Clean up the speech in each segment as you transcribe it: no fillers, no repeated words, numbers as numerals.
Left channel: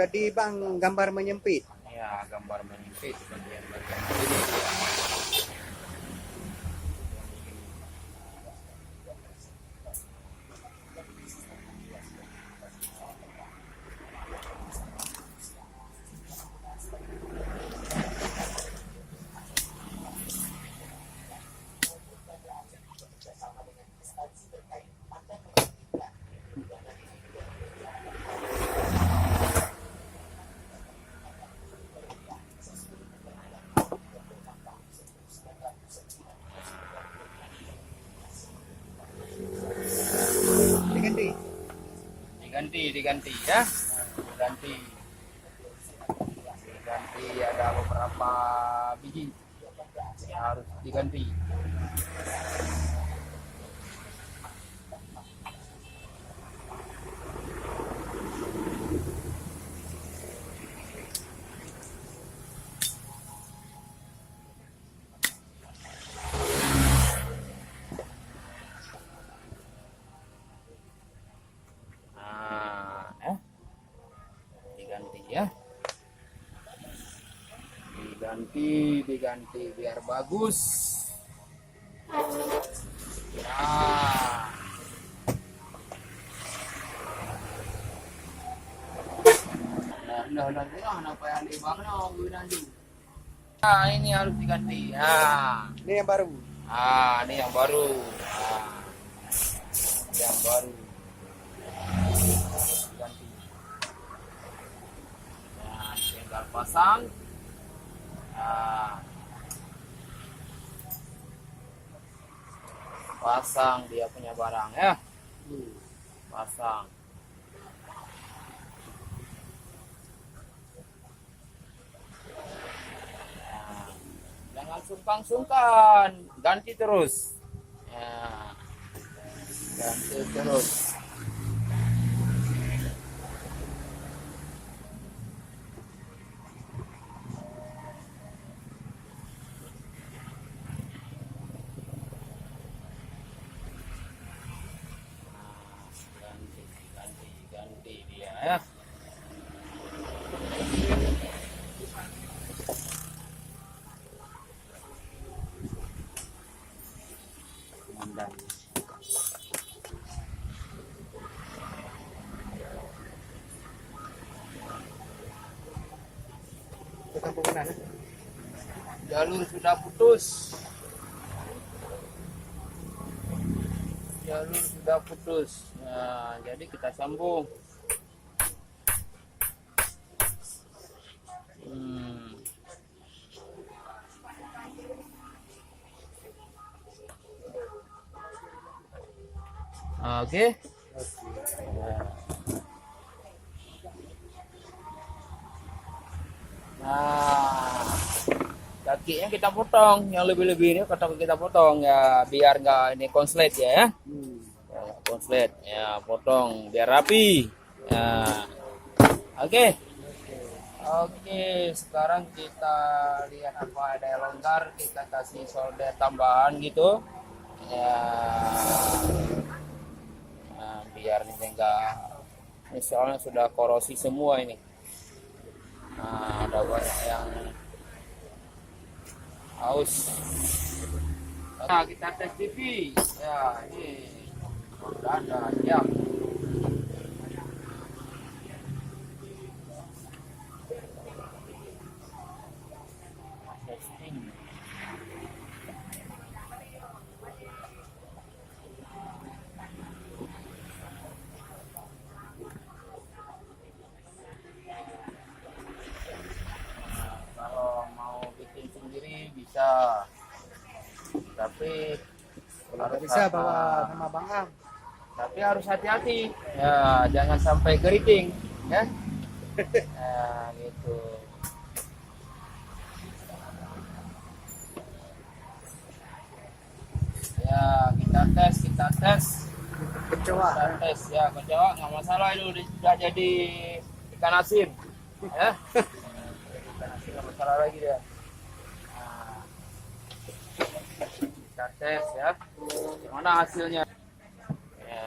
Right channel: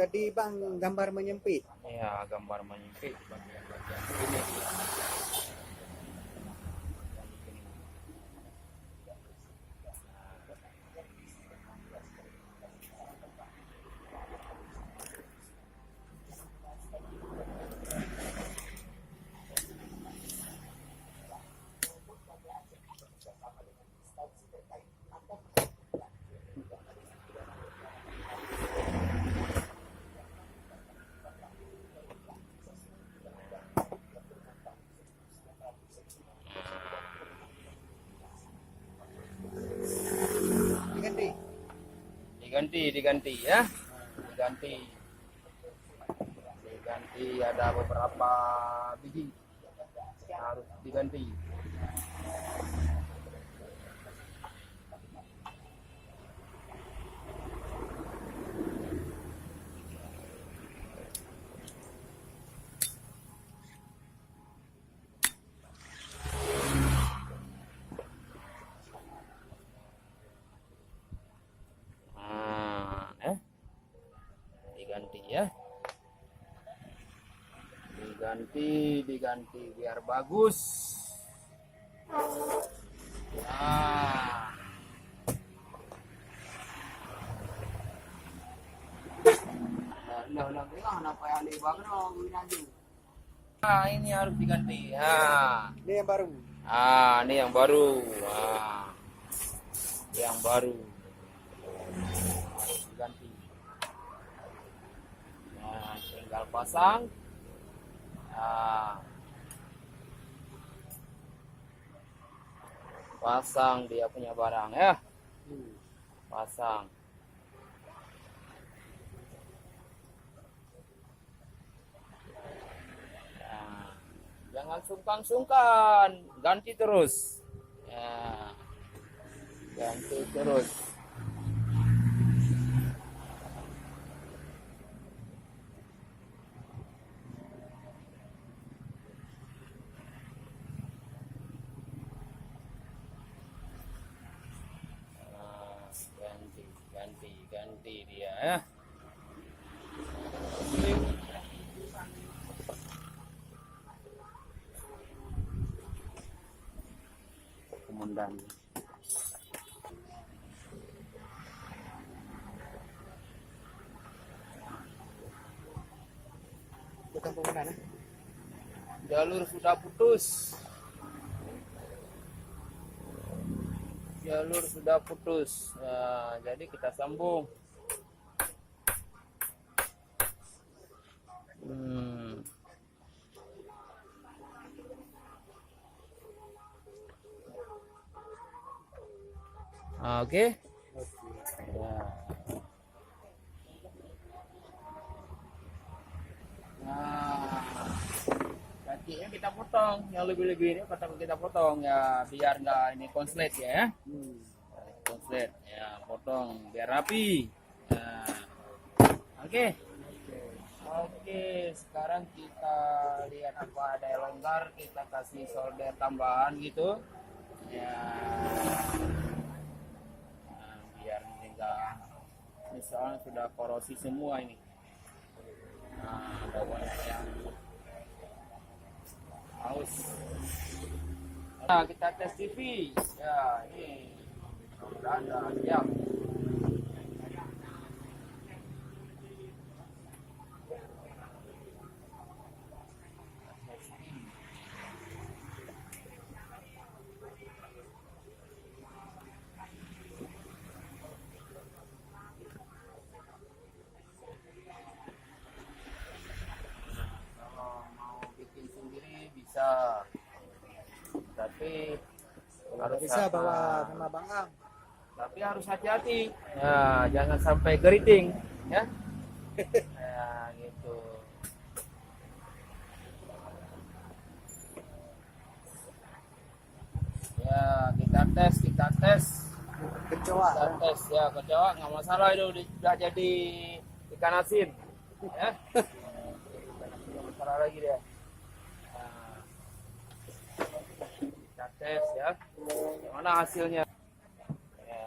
tadi Bang gambar menyempit. Ya, gambar menyempit bagian-bagian ini ya. Diganti ya, diganti ada beberapa biji yang harus diganti. Diganti ya, diganti biar bagus ya. Nah, ini harus diganti ya. Ini yang baru. Ini yang baru. Yang baru diganti. Nah, tinggal pasang. Pasang dia punya barang ya. Pasang. Jangan sungkan-sungkan, ganti terus ya, ganti terus. Ganti dia ya. Komandan. Bukan penggunaan. Jalur sudah putus. Jalur sudah putus. Nah, jadi kita sambung. Oke. Nah, kakinya kita potong, yang lebih-lebih ini kita potong ya, biar nggak ini konslet ya. Konslet ya, potong biar rapi. Nah, oke. Oke, sekarang kita lihat apa ada yang longgar, kita kasih solder tambahan gitu ya. Nah, biar ini enggak, ini soalnya sudah korosi semua ini. Nah, ada banyak yang haus. Nah, kita tes TV ya, ini sudah ada siap. Bisa, tapi kalau bisa bawa sama Bang Am. Tapi harus hati-hati ya, jangan sampai keriting ya. Ya gitu ya. Kita tes kecoa ya, kecoa nggak masalah, itu sudah jadi ikan asin ya. Ikan asin nggak masalah lagi dia. Kita tes ya, mana hasilnya ya,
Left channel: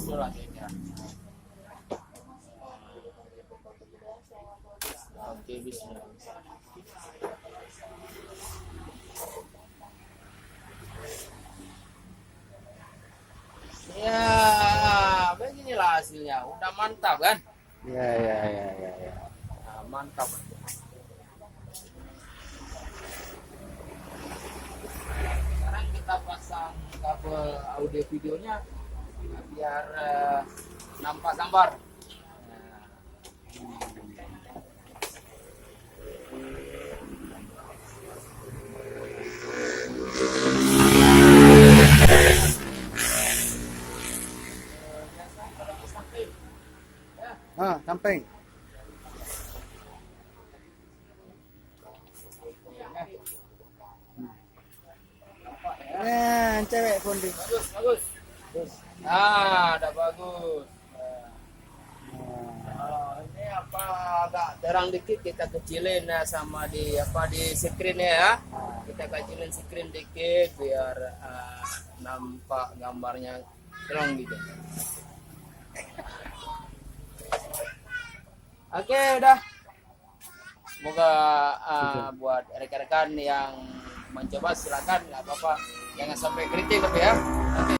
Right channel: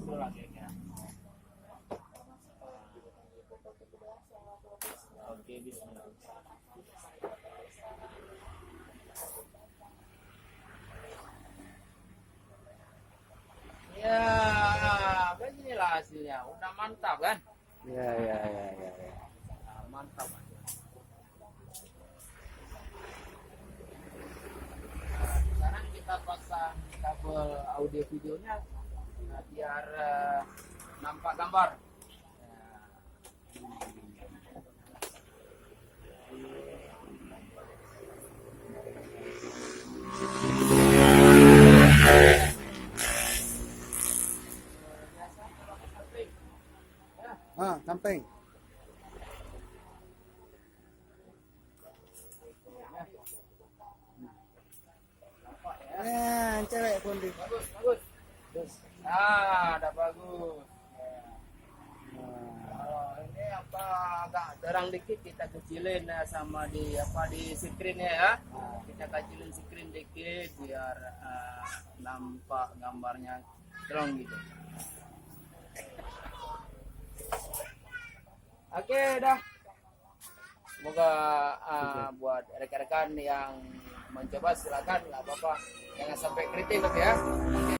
itu hasilnya. audio videonya biar nampak gambar. Samping. Cewek pun di. Bagus, bagus. Terus. Udah bagus. Kalau ini apa agak terang dikit kita kecilin ya sama di screen ya. Kita kecilin screen dikit biar nampak gambarnya terang gitu. Oke, udah. Semoga buat rekan-rekan yang mencoba silakan, nggak apa-apa. Jangan sampai kritik tapi ya. Nanti